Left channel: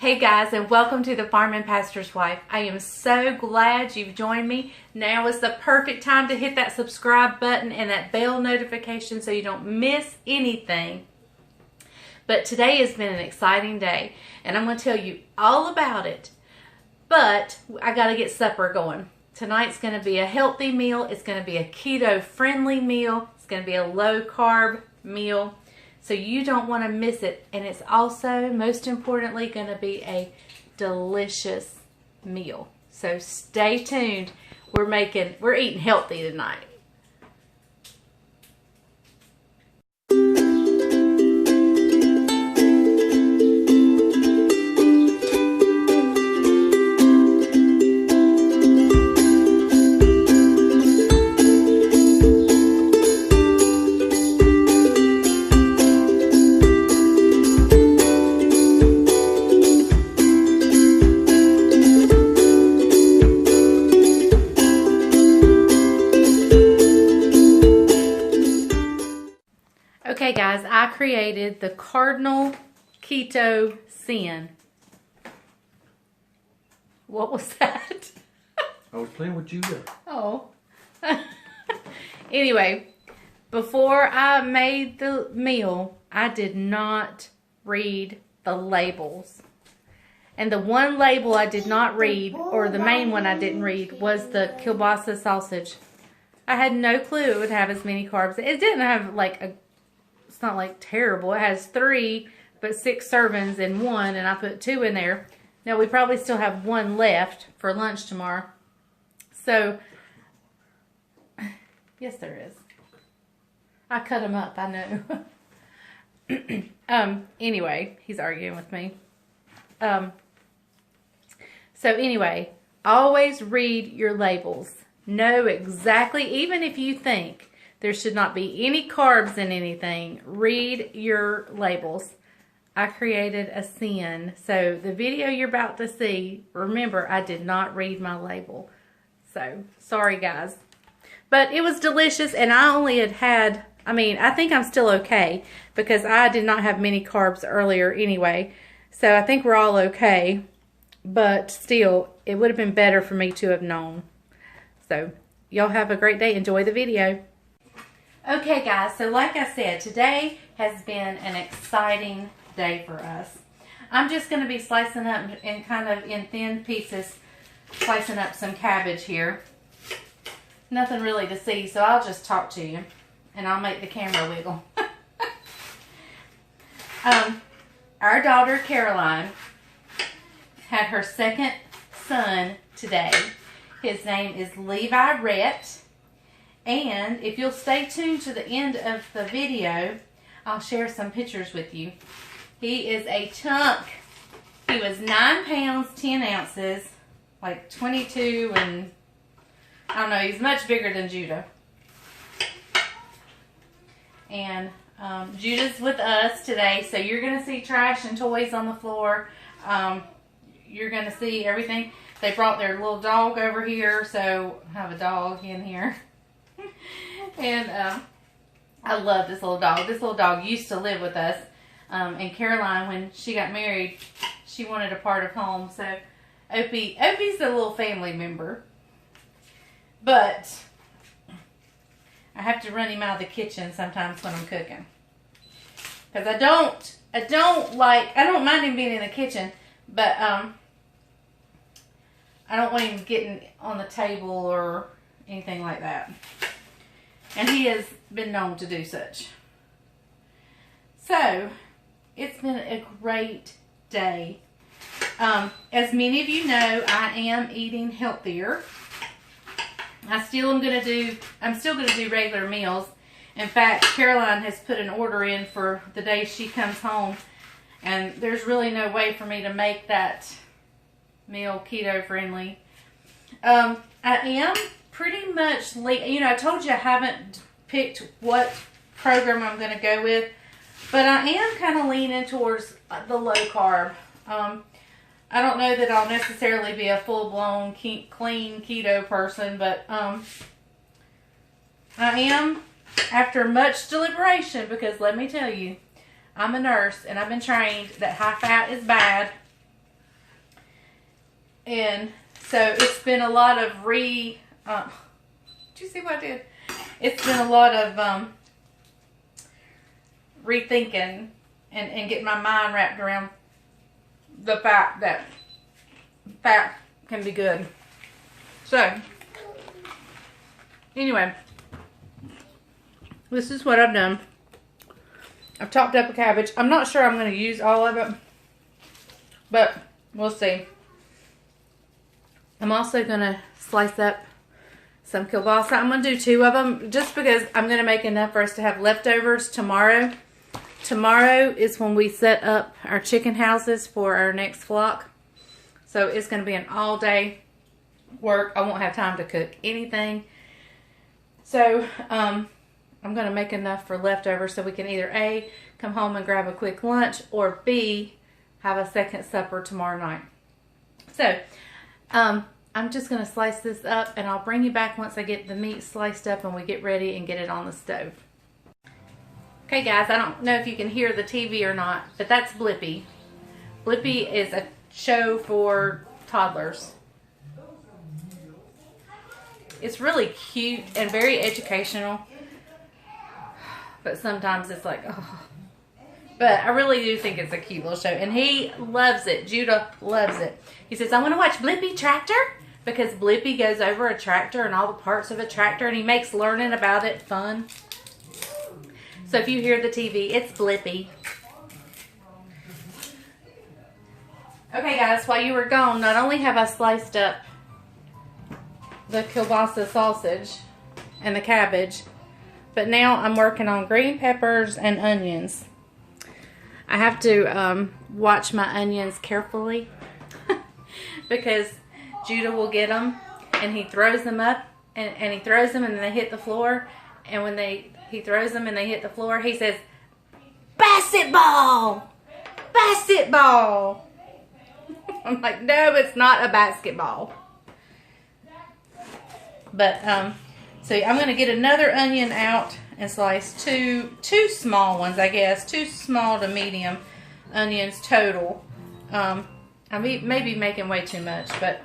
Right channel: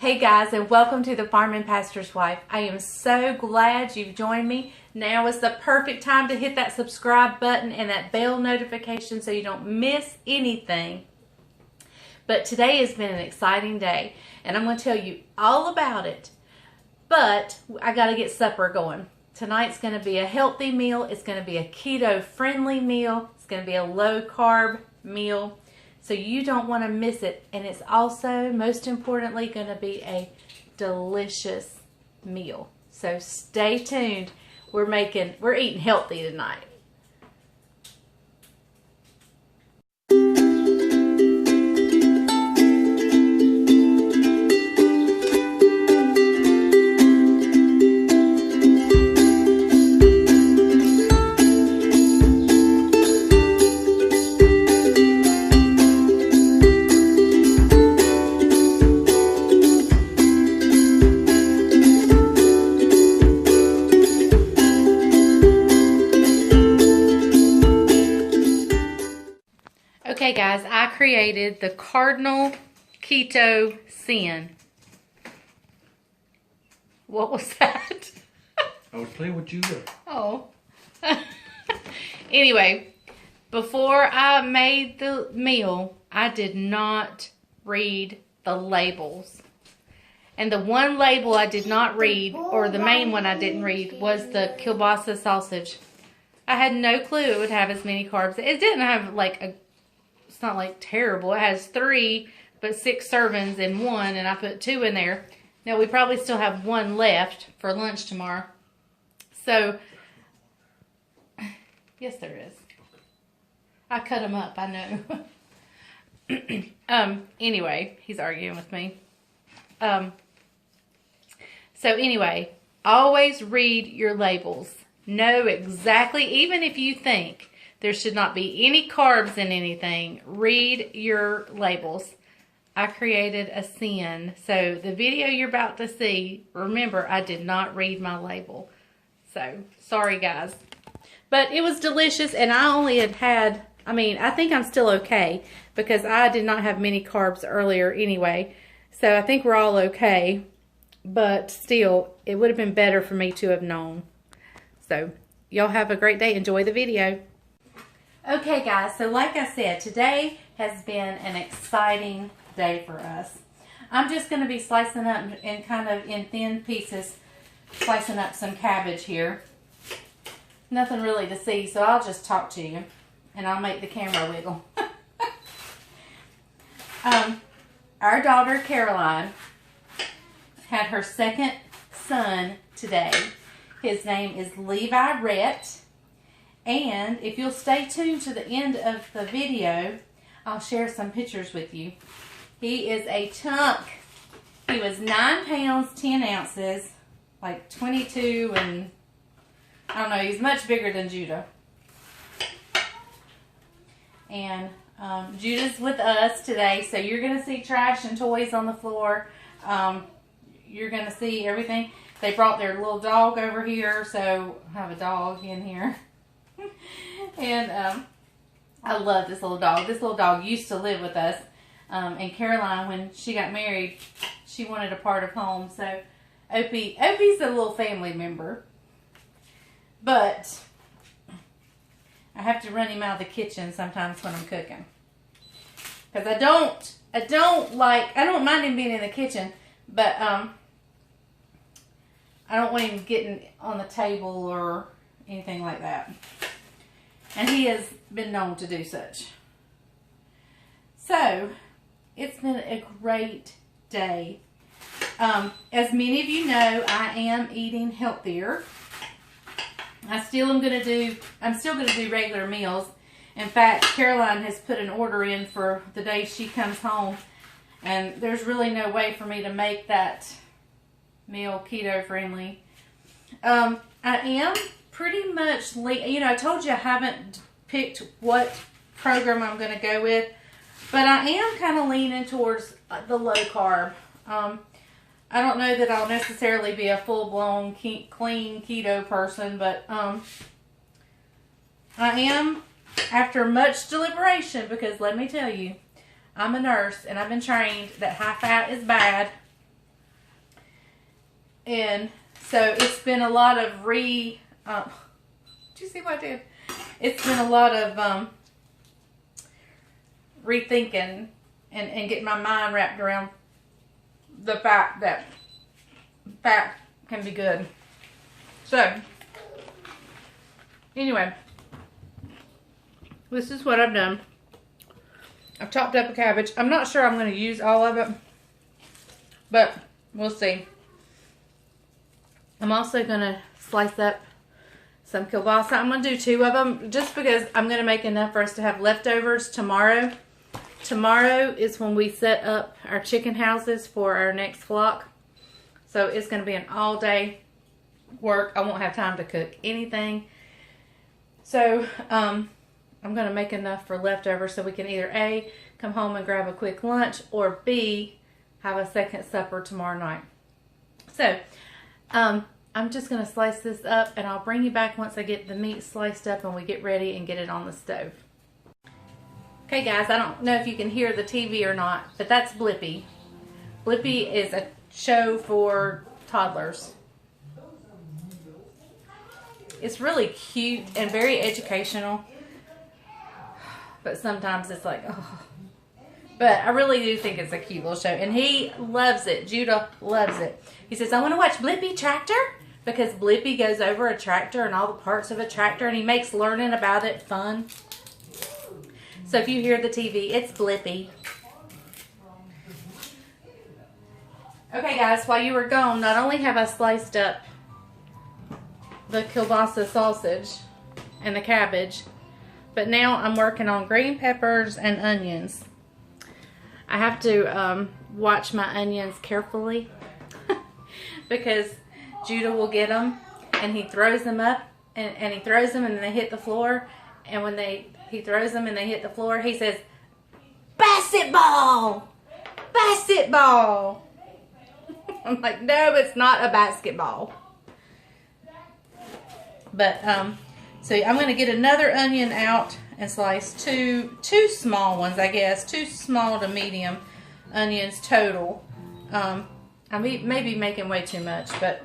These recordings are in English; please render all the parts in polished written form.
Hey guys, and welcome to the Farm and Pastor's Wife. I am so glad you've joined me. Now is the perfect time to hit that subscribe button and that bell notification so you don't miss anything. But today has been an exciting day, and I'm going to tell you all about it. But I got to get supper going. Tonight's going to be a healthy meal. It's going to be a keto-friendly meal. It's going to be a low-carb meal. So you don't want to miss it. And it's also, most importantly, going to be a delicious meal. So stay tuned. We're eating healthy tonight. Okay guys, I created the cardinal keto sin. What was that? I was playing with you there. Oh. Anyway, before I made the meal, I did not read the labels. And the one label I did not read, or the main one I didn't read, was the kielbasa sausage. I had no clue it would have as many carbs. It didn't have like a... It's not like terrible. It has 3, but 6 servings in one, and I put 2 in there. Now we probably still have 1 left for lunch tomorrow. So, yes there is. I cut them up, I know. Anyway, he's arguing with me. So anyway, always read your labels. Know exactly, even if you think there should not be any carbs in anything, read your labels. I created a sin. So the video you're about to see, remember, I did not read my label. So, sorry guys. But it was delicious, and I only had, I think I'm still okay, because I did not have many carbs earlier anyway. So I think we're all okay. But still, it would have been better for me to have known. So, y'all have a great day. Enjoy the video. Okay guys, so like I said, today has been an exciting day for us. I'm just going to be slicing up and kind of in thin pieces, slicing up some cabbage here. Nothing really to see, so I'll just talk to you and I'll make the camera wiggle. Our daughter Caroline had her second son today. His name is Levi Rhett. And if you'll stay tuned to the end of the video, I'll share some pictures with you. He is a chunk. He was 9 pounds, 10 ounces, like 22, and I don't know, he's much bigger than Judah. And Judah's with us today, so you're going to see trash and toys on the floor. You're going to see everything. They brought their little dog over here, so I have a dog in here. And I love this little dog. This little dog used to live with us. And Caroline, when she got married, she wanted a part of home. So Opie's a little family member. But I have to run him out of the kitchen sometimes when I'm cooking. Because I don't mind him being in the kitchen, but I don't want him getting on the table or anything like that. And he has been known to do such. So, it's been a great day. As many of you know, I am eating healthier. I'm still going to do regular meals. In fact, Caroline has put an order in for the day she comes home. And there's really no way for me to make that meal keto friendly. I am pretty much, I told you I haven't picked what program I'm going to go with, but I am kind of leaning towards the low carb. I don't know that I'll necessarily be a full-blown clean keto person, but I am, after much deliberation, because let me tell you, I'm a nurse and I've been trained that high fat is bad And so it's been a lot of did you see what I did? It's been a lot of rethinking and getting my mind wrapped around the fact that fat can be good. So, anyway, this is what I've done. I've chopped up a cabbage. I'm not sure I'm going to use all of it, but we'll see. I'm also going to slice up some kielbasa. I'm going to do 2 of them just because I'm going to make enough for us to have leftovers tomorrow. Tomorrow is when we set up our chicken houses for our next flock. So it's going to be an all day work. I won't have time to cook anything. So I'm going to make enough for leftovers so we can either A, come home and grab a quick lunch, or B, have a second supper tomorrow night. So I'm just going to slice this up, and I'll bring you back once I get the meat sliced up and we get ready and get it on the stove. Okay guys, I don't know if you can hear the TV or not, but that's Blippi. Blippi is a show for toddlers. It's really cute and very educational, but sometimes it's like, oh. But I really do think it's a cute little show, and he loves it. Judah loves it. He says, I want to watch Blippi Tractor, because Blippi goes over a tractor and all the parts of a tractor, and he makes learning about it fun. So if you hear the TV, it's Blippi. Okay guys, while you were gone, not only have I sliced up the kielbasa sausage and the cabbage, but now I'm working on green peppers and onions. I have to watch my onions carefully because Judah will get them and he throws them up and he throws them and then they hit the floor, and when he throws them and they hit the floor, he says, basketball! Basketball! I'm like, no, it's not a basketball. But, so I'm going to get another onion out and slice two small ones, I guess. 2 small to medium onions total. I may be making way too much, but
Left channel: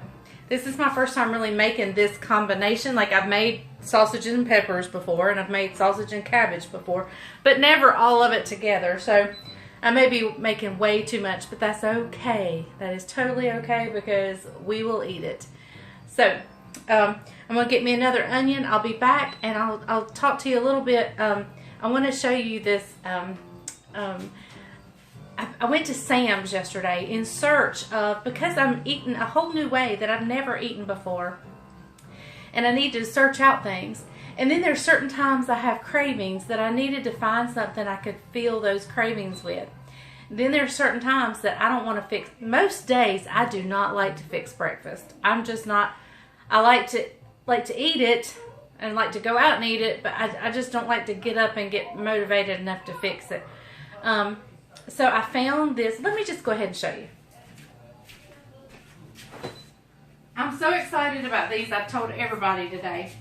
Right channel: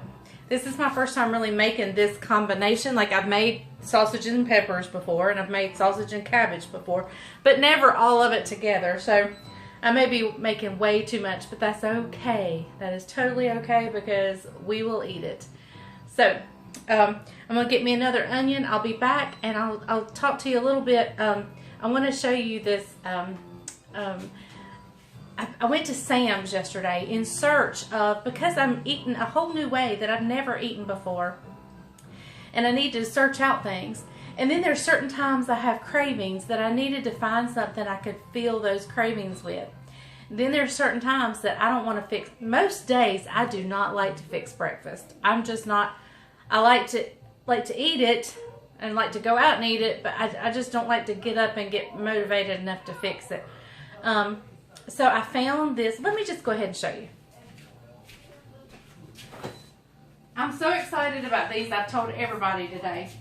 this is my first time really making this combination. Like, I've made sausage and peppers before, and I've made sausage and cabbage before, but never all of it together. So I may be making way too much, but that's okay. That is totally okay because we will eat it. So I'm going to get me another onion. I'll be back, and I'll talk to you a little bit. I want to show you this. I went to Sam's yesterday in search of, because I'm eating a whole new way that I've never eaten before, and I need to search out things. And then there's certain times I have cravings that I needed to find something I could fill those cravings with. Then there's certain times that I don't want to fix. Most days I do not like to fix breakfast. I'm just not. I like to eat it and like to go out and eat it, but I just don't like to get up and get motivated enough to fix it. So I found this. Let me just go ahead and show you. I'm so excited about these. I've told everybody today.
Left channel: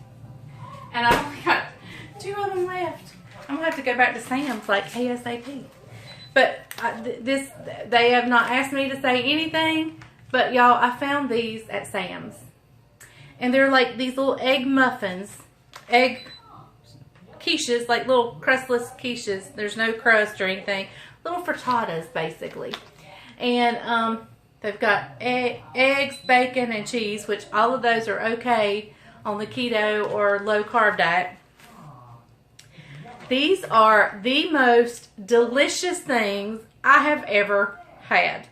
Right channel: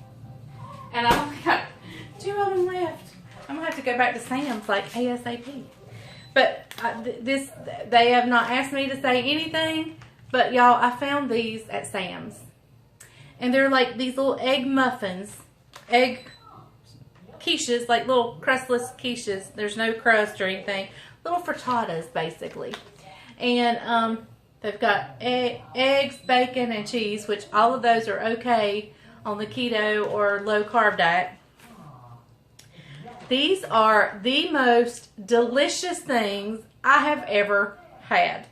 And I only got 2 of them left. I'm going to have to go back to Sam's like ASAP. But they have not asked me to say anything. But y'all, I found these at Sam's. And they're like these little egg muffins. Egg quiches, like little crustless quiches. There's no crust or anything. Little frittatas, basically. And they've got eggs, bacon, and cheese, which all of those are okay on the keto or low carb diet. These are the most delicious things I have ever had.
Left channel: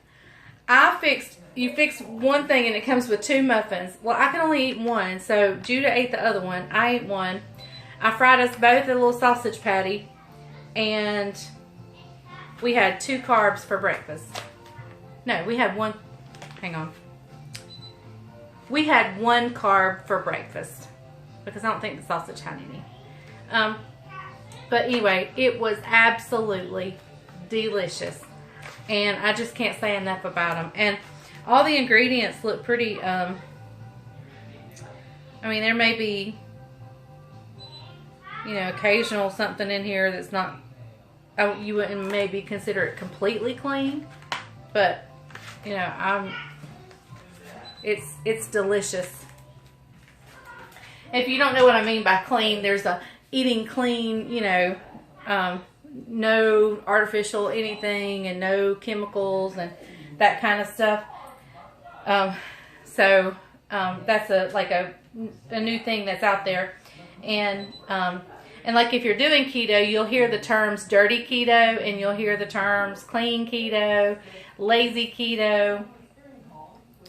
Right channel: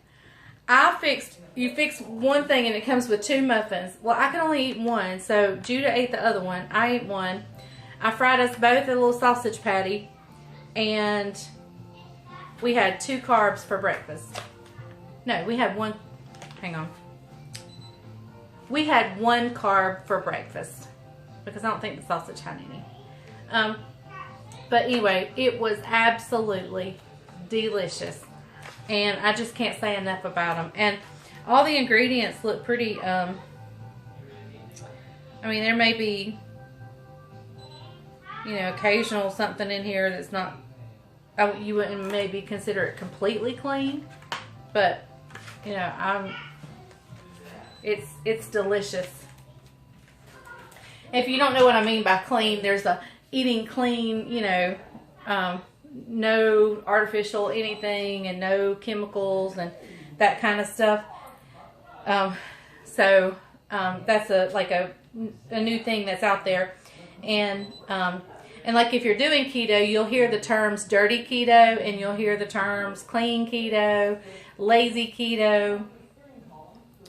You fix one thing and it comes with 2 muffins. Well, I can only eat one, so Judah ate the other one. I ate one. I fried us both a little sausage patty, and we had 2 carbs for breakfast. No, we had one. Hang on. We had 1 carb for breakfast because I don't think the sausage had any. But anyway, it was absolutely delicious, and I just can't say enough about them. And all the ingredients look pretty. I mean, there may be, occasional something in here that's not. You wouldn't maybe consider it completely clean, but It's delicious. If you don't know what I mean by clean, there's a eating clean, you know, no artificial anything and no chemicals and that kind of stuff. That's a new thing that's out there. And like if you're doing keto, you'll hear the terms dirty keto and you'll hear the terms clean keto, lazy keto.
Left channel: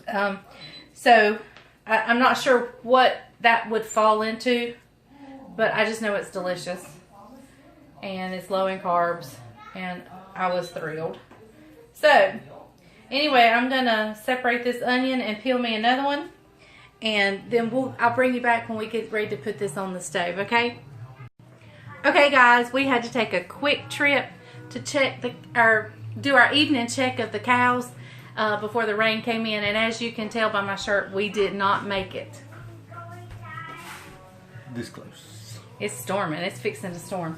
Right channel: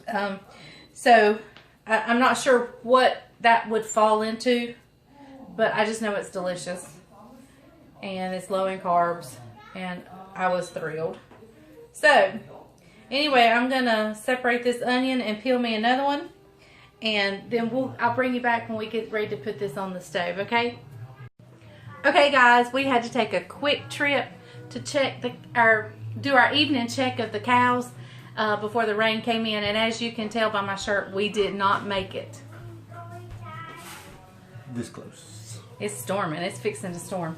I'm not sure what that would fall into, but I just know it's delicious and it's low in carbs, and I was thrilled. So anyway, I'm gonna separate this onion and peel me another one, and then I'll bring you back when we get ready to put this on the stove. Okay guys, we had to take a quick trip to do our evening check of the cows before the rain came in, and as you can tell by my shirt, we did not make it. This close. It's storming. It's fixing to storm.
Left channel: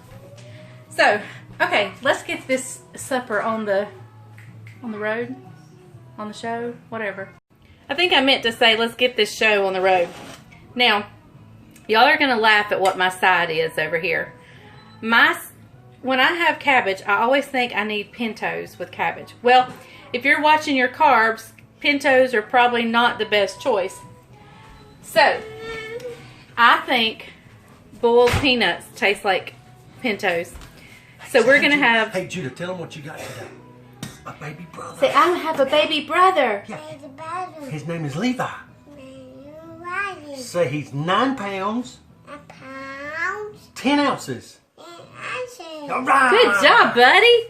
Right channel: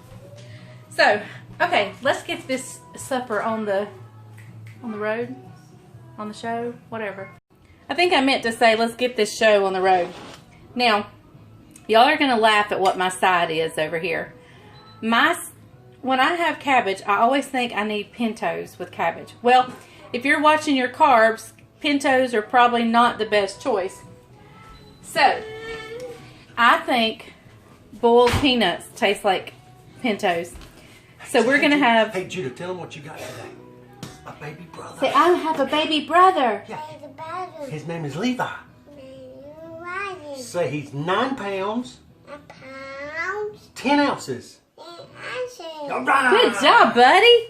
So, okay, let's get this supper on the road, on the show, whatever. I think I meant to say let's get this show on the road. Now, y'all are gonna laugh at what my side is over here. When I have cabbage, I always think I need pintos with cabbage. Well, if you're watching your carbs, pintos are probably not the best choice. So, I think boiled peanuts taste like pintos. So we're going to have... Hey, Judah, tell them what you got today. A baby brother. Say, I have a baby brother. Yeah. His name is Levi. Say he's 9 pounds. 10 ounces. All right. Good job, buddy.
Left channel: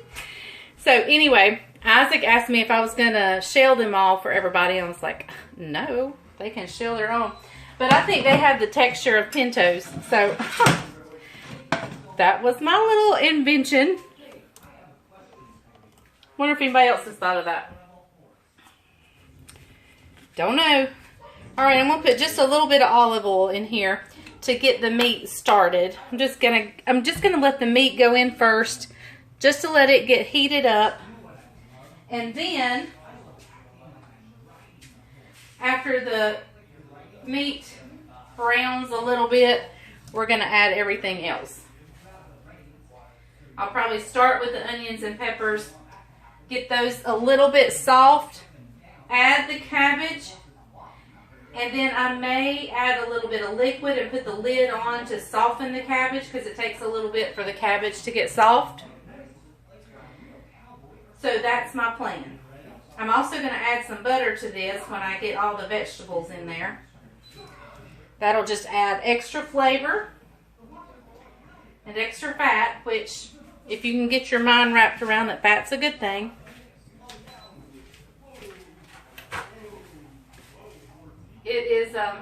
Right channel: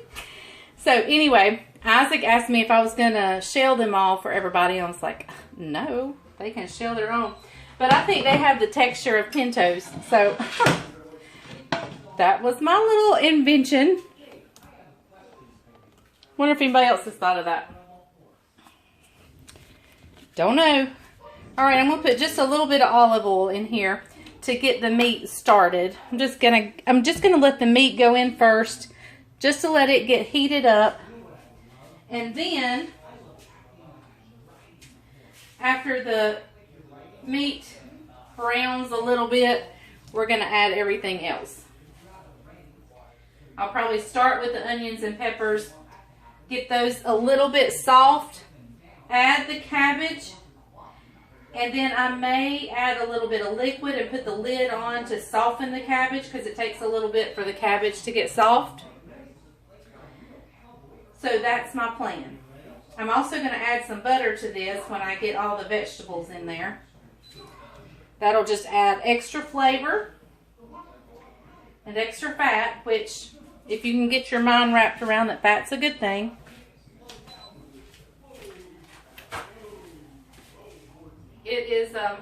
So anyway, Isaac asked me if I was going to shell them all for everybody. I was like, no, they can shell their own. But I think they have the texture of pintos. So that was my little invention. Wonder if anybody else has thought of that. Don't know. All right, I'm going to put just a little bit of olive oil in here to get the meat started. I'm just gonna let the meat go in first, just to let it get heated up. And then after the meat browns a little bit, we're gonna add everything else. I'll probably start with the onions and peppers, get those a little bit soft, add the cabbage, and then I may add a little bit of liquid and put the lid on to soften the cabbage, because it takes a little bit for the cabbage to get soft. So that's my plan. I'm also going to add some butter to this when I get all the vegetables in there. That'll just add extra flavor and extra fat, which if you can get your mind wrapped around that fat's a good thing. It is a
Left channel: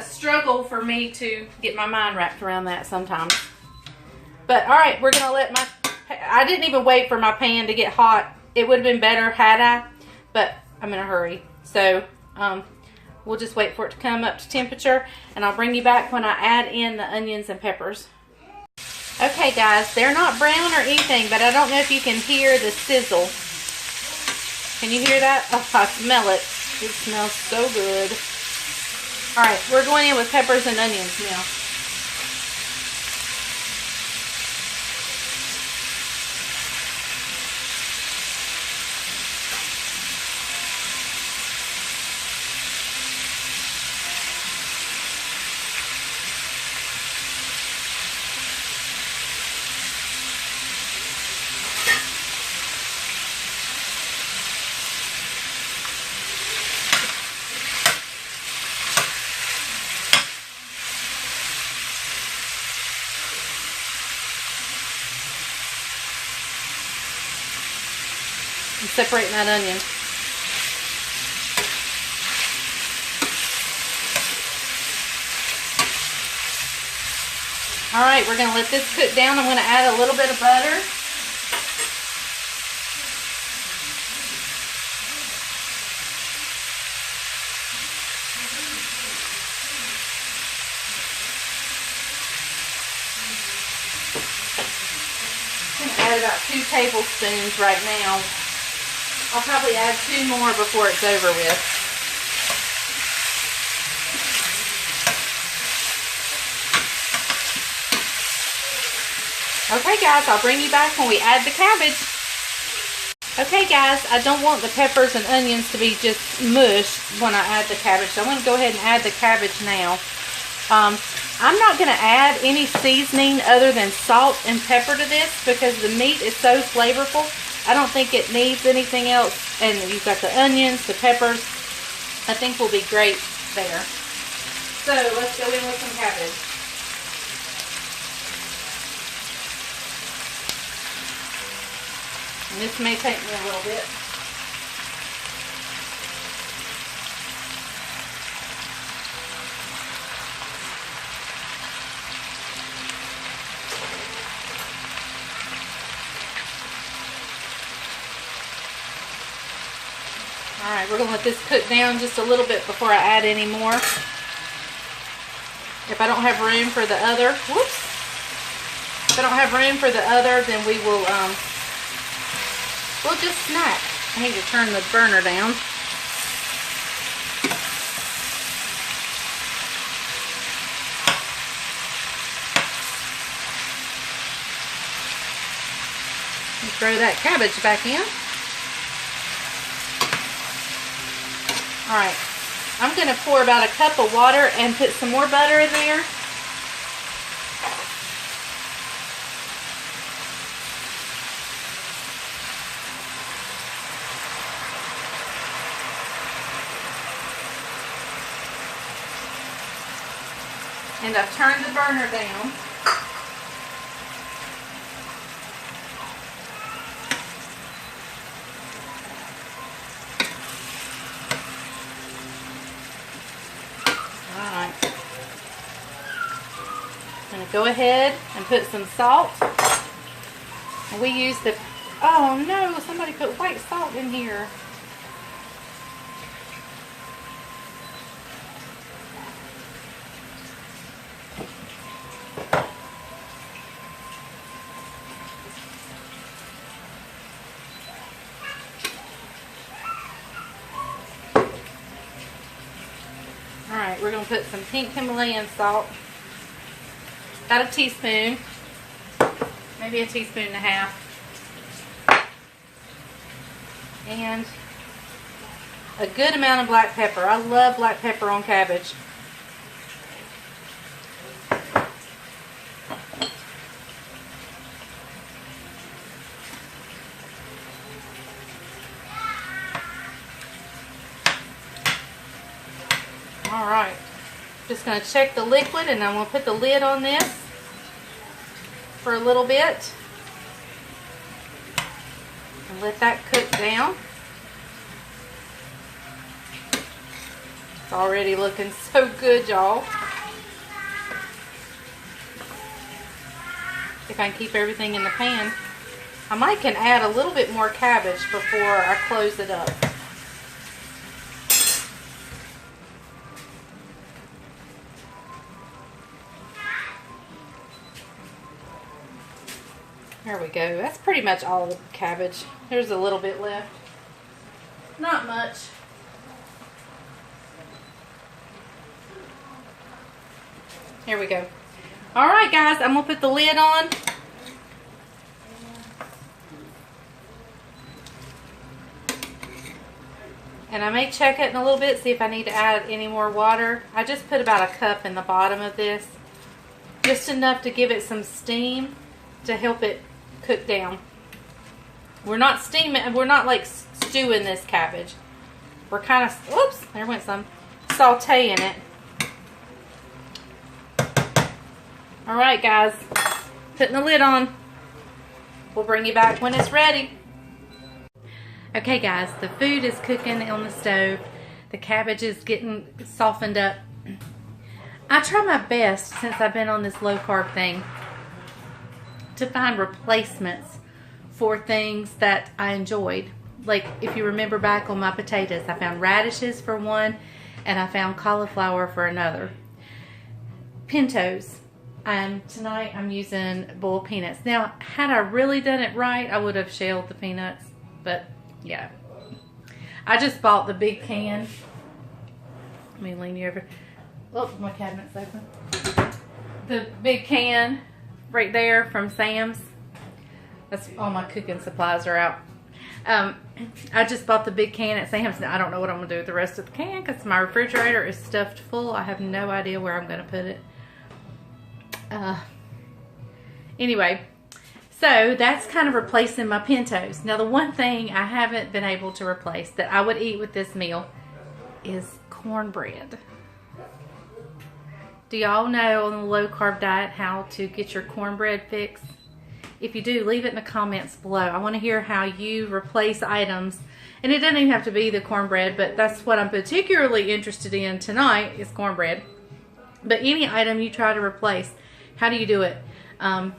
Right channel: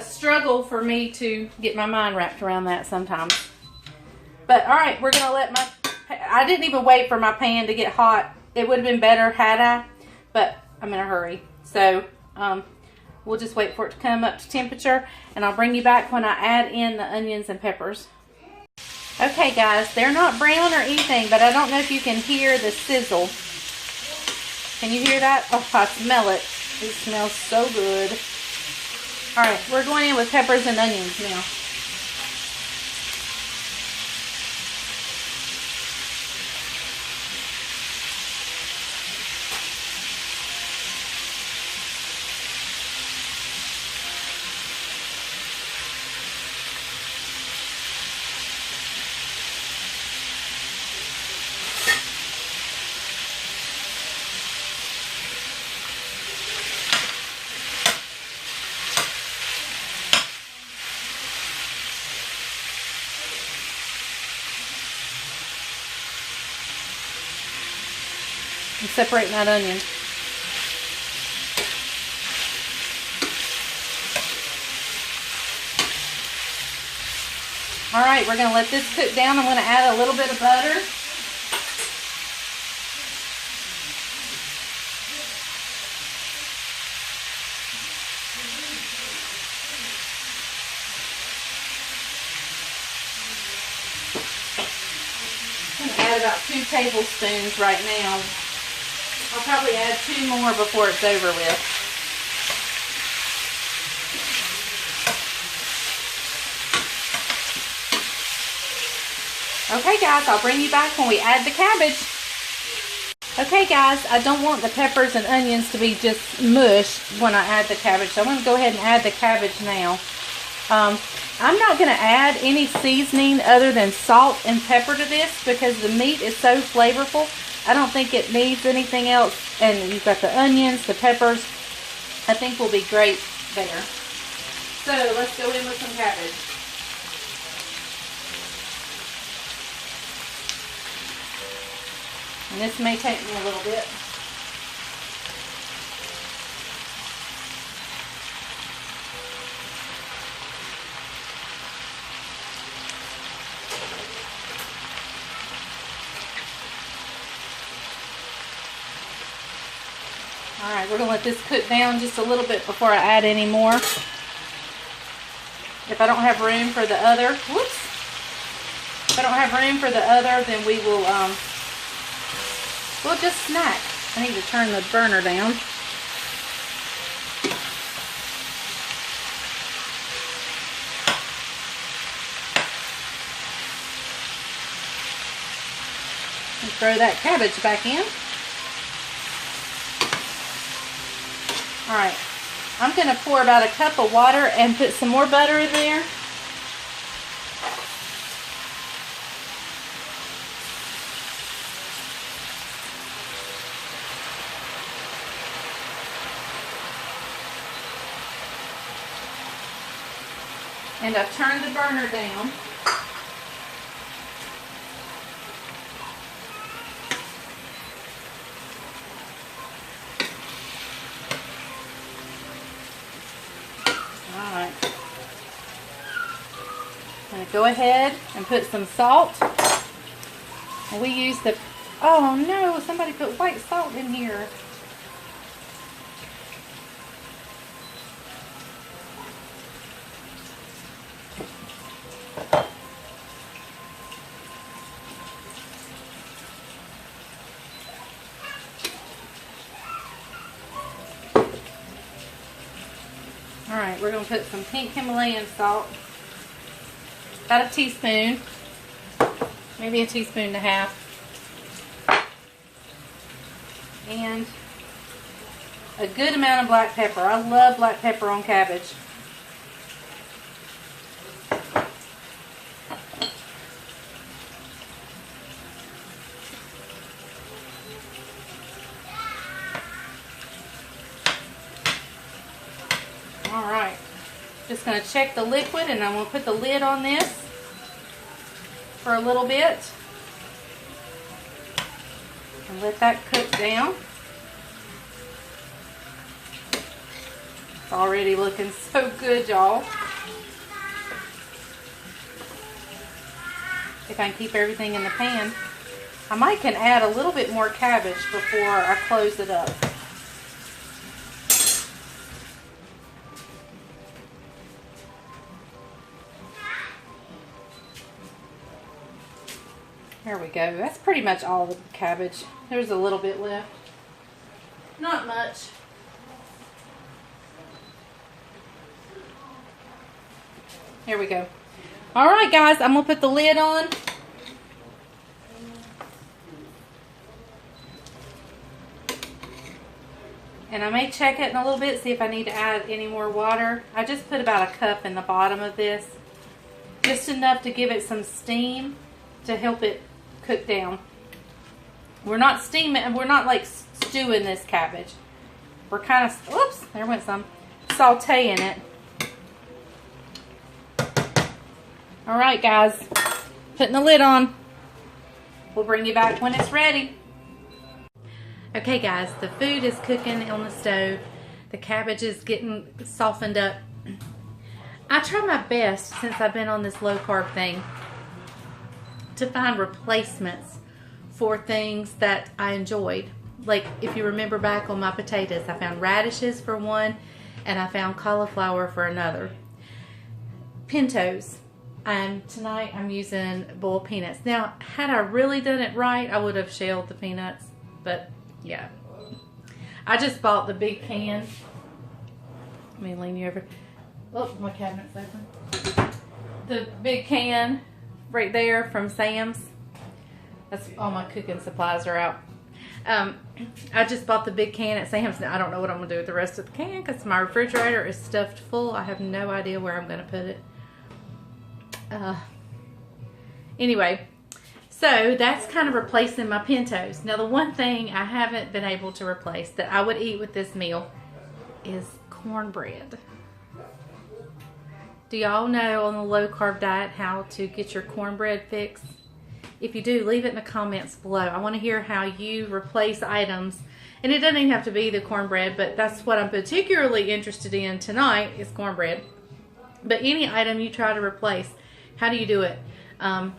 struggle for me to get my mind wrapped around that sometimes. But all right, we're gonna let I didn't even wait for my pan to get hot. It would have been better had I, but I'm in a hurry. So we'll just wait for it to come up to temperature, and I'll bring you back when I add in the onions and peppers. Okay guys, they're not brown or anything, but I don't know if you can hear the sizzle. Can you hear that? Oh, I smell it. It smells so good. All right, we're going in with peppers and onions now. And separating that onion. All right, we're going to let this cook down. I'm going to add a little bit of butter. Add about 2 tablespoons right now. I'll probably add 2 more before it's over with. Okay guys, I'll bring you back when we add the cabbage. Okay guys, I don't want the peppers and onions to be just mush when I add the cabbage. So I'm going to go ahead and add the cabbage now. I'm not going to add any seasoning other than salt and pepper to this because the meat is so flavorful. I don't think it needs anything else. And you've got the onions, the peppers. I think will be great there. So let's go in with some cabbage. And this may take me a little bit. Alright, we're going to let this cook down just a little bit before I add any more. If I don't have room for the other, whoops. If I don't have room for the other, then we will, we'll just snack. I need to turn the burner down. And throw that cabbage back in. Alright, I'm going to pour about a cup of water and put some more butter in there. And I've turned the burner down. Alright. I'm going to go ahead and put some salt. And we use the... Oh no, somebody put white salt in here. Alright, we're going to put some pink Himalayan salt. About a teaspoon. Maybe a teaspoon and a half. And a good amount of black pepper. I love black pepper on cabbage. Alright, just going to check the liquid and I'm going to put the lid on this for a little bit and let that cook down. It's already looking so good, y'all. If I can keep everything in the pan. I might can add a little bit more cabbage before I close it up. There we go. That's pretty much all the cabbage. There's a little bit left. Not much. Here we go. Alright guys, I'm going to put the lid on. And I may check it in a little bit, see if I need to add any more water. I just put about a cup in the bottom of this. Just enough to give it some steam to help it cook down. We're not steaming, we're not like stewing this cabbage. We're kind of, oops, there went some, sauteing it. Alright guys, putting the lid on. We'll bring you back when it's ready. Okay guys, the food is cooking on the stove. The cabbage is getting softened up. I try my best, since I've been on this low carb thing, to find replacements for things that I enjoyed. Like if you remember back on my potatoes, I found radishes for one and I found cauliflower for another. Pintos. Tonight I'm using boiled peanuts. Now, had I really done it right, I would have shelled the peanuts, but yeah. I just bought the big can. Let me lean you over. Oh, my cabinet's open. The big can right there from Sam's. That's all my cooking supplies are out. I just bought the big can at Sam's. I don't know what I'm going to do with the rest of the can because my refrigerator is stuffed full. I have no idea where I'm going to put it. Anyway, so that's kind of replacing my pintos. Now, the one thing I haven't been able to replace that I would eat with this meal is cornbread. Do y'all know on the low-carb diet how to get your cornbread fix? If you do, leave it in the comments below. I want to hear how you replace items. And it doesn't even have to be the cornbread, but that's what I'm particularly interested in tonight is cornbread. But any item you try to replace, how do you do it? I'm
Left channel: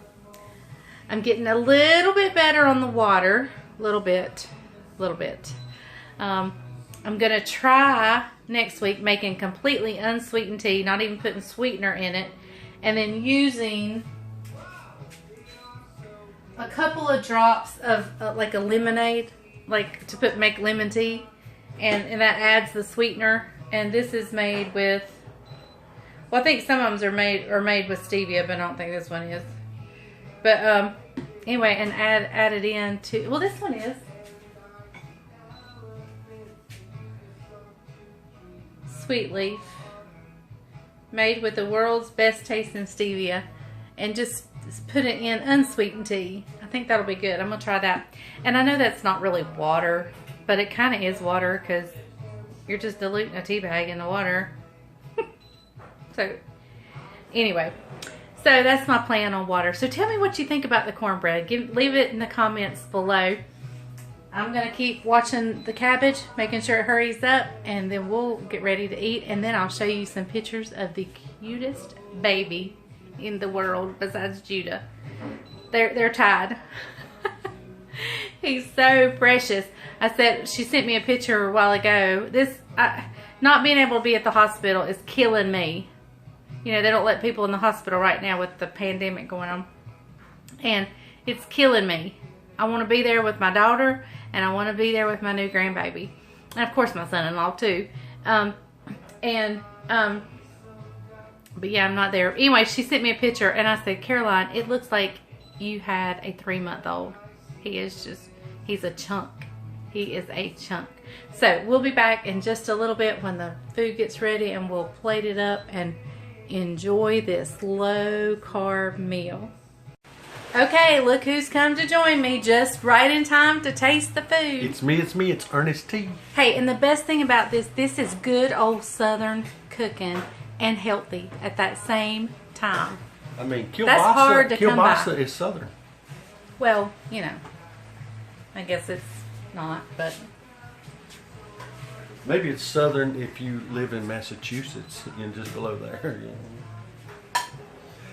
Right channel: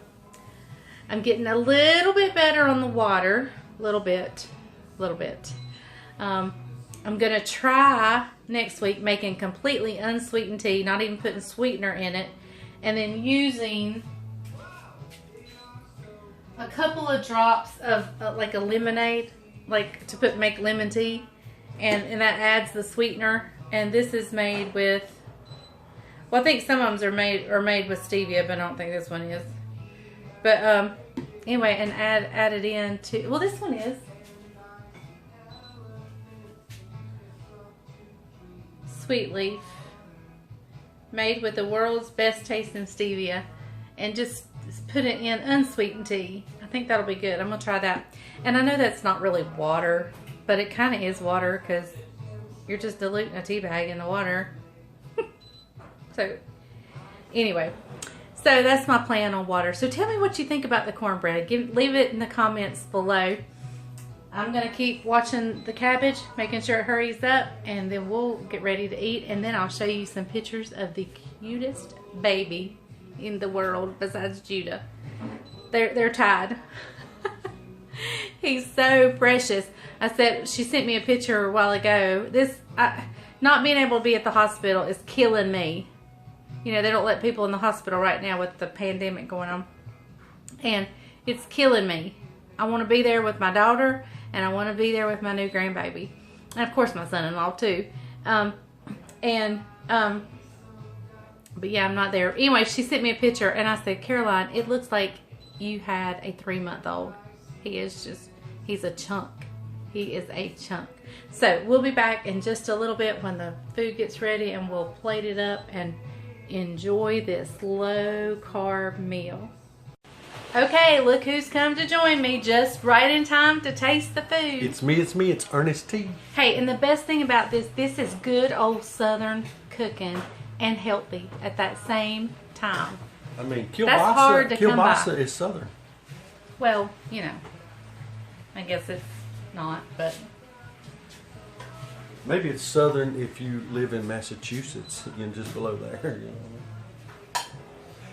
getting a little bit better on the water. A little bit. I'm going to try next week making completely unsweetened tea, not even putting sweetener in it, and then using a couple of drops of like a lemonade, like to make lemon tea, and that adds the sweetener. And this is made with, well, I think some of them are made with stevia, but I don't think this one is. But anyway, and add it in to, well, this one is sweet leaf, made with the world's best tasting stevia, and just put it in unsweetened tea. I think that'll be good. I'm gonna try that. And I know that's not really water, but it kind of is water because you're just diluting a tea bag in the water. So anyway, so that's my plan on water. So tell me what you think about the cornbread. Leave it in the comments below. I'm gonna keep watching the cabbage, making sure it hurries up, and then we'll get ready to eat. And then I'll show you some pictures of the cutest baby in the world besides Judah. They're tied. He's so precious. She sent me a picture a while ago. Not being able to be at the hospital is killing me. You know, they don't let people in the hospital right now with the pandemic going on. And it's killing me. I want to be there with my daughter, and I want to be there with my new grandbaby. And of course my son-in-law too. But yeah, I'm not there. Anyway, she sent me a picture, and I said, Caroline, it looks like you had a 3-month-old. He's a chunk. He is a chunk. So we'll be back in just a little bit when the food gets ready, and we'll plate it up and enjoy this low-carb meal. Okay, look who's come to join me just right in time to taste the food. It's me, it's Ernest T. Hey, and the best thing about this is good old Southern cooking and healthy at that same time. I mean, That's hard to come by. kielbasa is Southern. Well, you know, I guess it's not, but maybe it's Southern if you live in Massachusetts, you know, just below there. You know.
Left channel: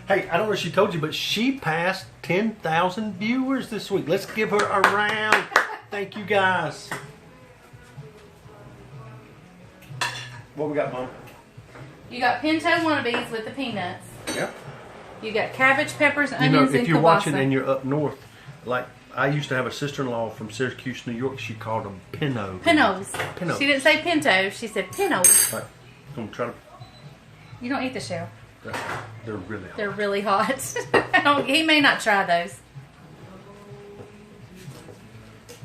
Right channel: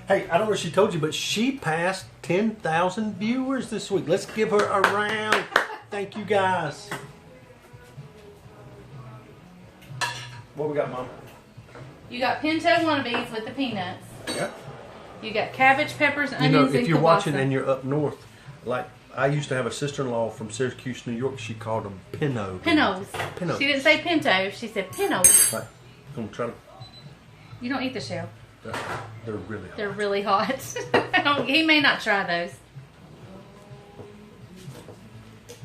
Hey, I don't know if she told you, but she passed 10,000 viewers this week. Let's give her a round. Thank you, guys. What we got, Mom? you got pinto wannabes with the peanuts. Yep. You got cabbage, peppers, onions, You know, and if you're kielbasa. watching and you're up north, like I used to have a sister-in-law from Syracuse, New York. She called them pinot. Pinos. Pinos. She didn't say pinto. She said pinos. Right. I'm trying to. You don't eat the shell. They're really hot. They're really hot. He may not try those.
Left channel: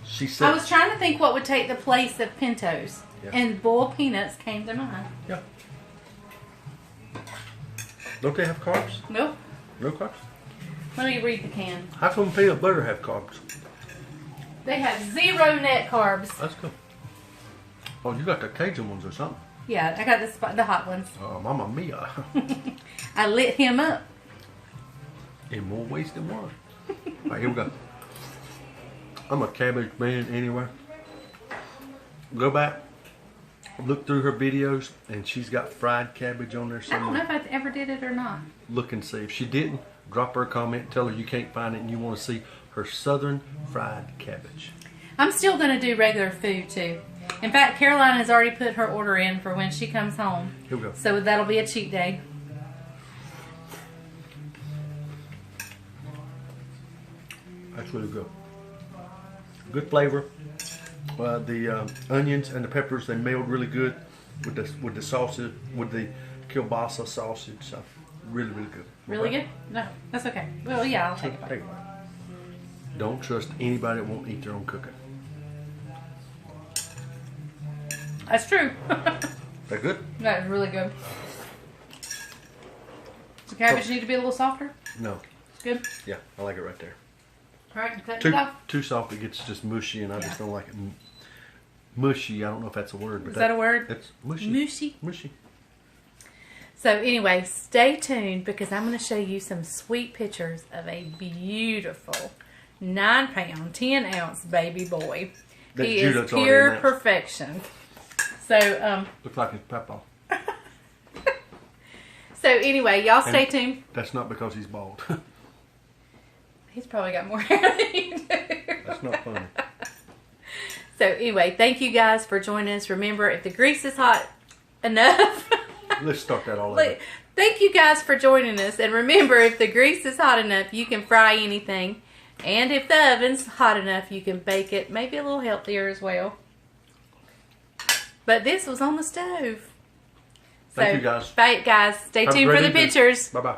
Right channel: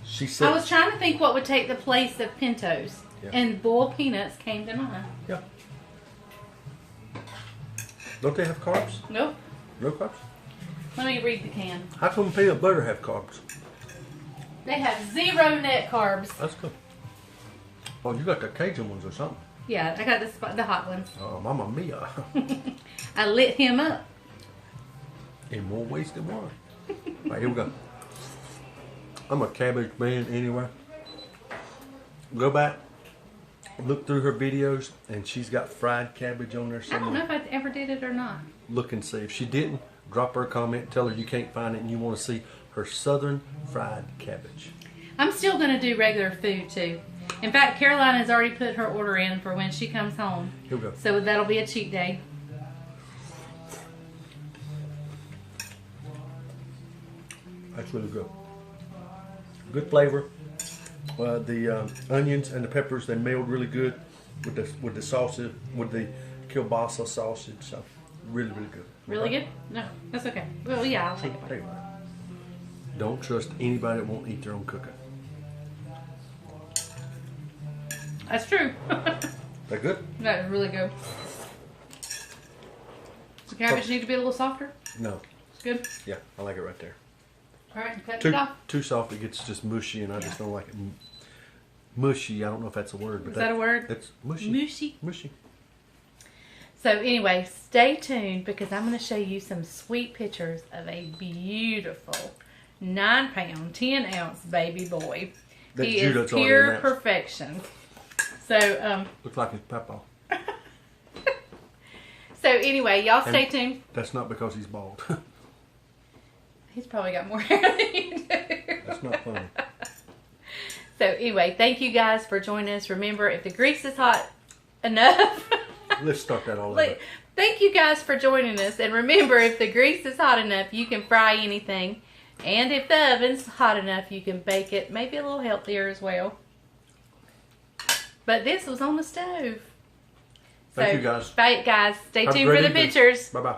She said. I was trying to think what would take the place of pintos. Yeah. And boiled peanuts came to mind. Yeah. Don't they have carbs? Nope. No carbs? Let me read the can. How come peanut butter have carbs? They have 0 net carbs. That's good. Oh, you got the Cajun ones or something? Yeah, I got the hot ones. Oh, Mamma Mia. I lit him up. In more ways than one. All right, here we go. I'm a cabbage man anyway. Go back, look through her videos, and she's got fried cabbage on there I don't somewhere. know if I ever did it or not. Look and see. If she didn't, drop her a comment, tell her you can't find it and you want to see her southern fried cabbage. I'm still going to do regular food too. In fact, Caroline has already put her order in for when she comes home. Here we go. So that'll be a cheat day. That's really good. Good flavor. The onions and the peppers, they meld really good with the sausage, with the kielbasa sausage. So, really, really good. Really good? No, that's okay. Well, yeah, I'll take Take it. it. Don't trust anybody that won't eat their own cooking. That's true. That good? That is really good. The cabbage need to be a little softer. No. It's good. Yeah, I like it right there. All right, cut it off. Too soft, it gets just mushy, and I just don't like it. Mushy, I don't know if that's a word. But Is that a word? It's mushy. Mushy. Mushy. So anyway, stay tuned because I'm going to show you some sweet pictures of a beautiful 9-pound, 10-ounce baby boy. That He is Judah's already pure announced. perfection. So, Looks like his papa. so anyway, y'all stay tuned. That's not because he's bald. He's probably got more hair than you do. That's not funny. So anyway, thank you guys for joining us. Remember, if the grease is hot enough... Let's start that all over. Thank you guys for joining us. And remember, if the grease is hot enough, you can fry anything. And if the oven's hot enough, you can bake it maybe a little healthier as well. But this was on the stove. Thank you guys. Bye, guys. Stay Have a tuned great for the evening. pictures. Bye-bye.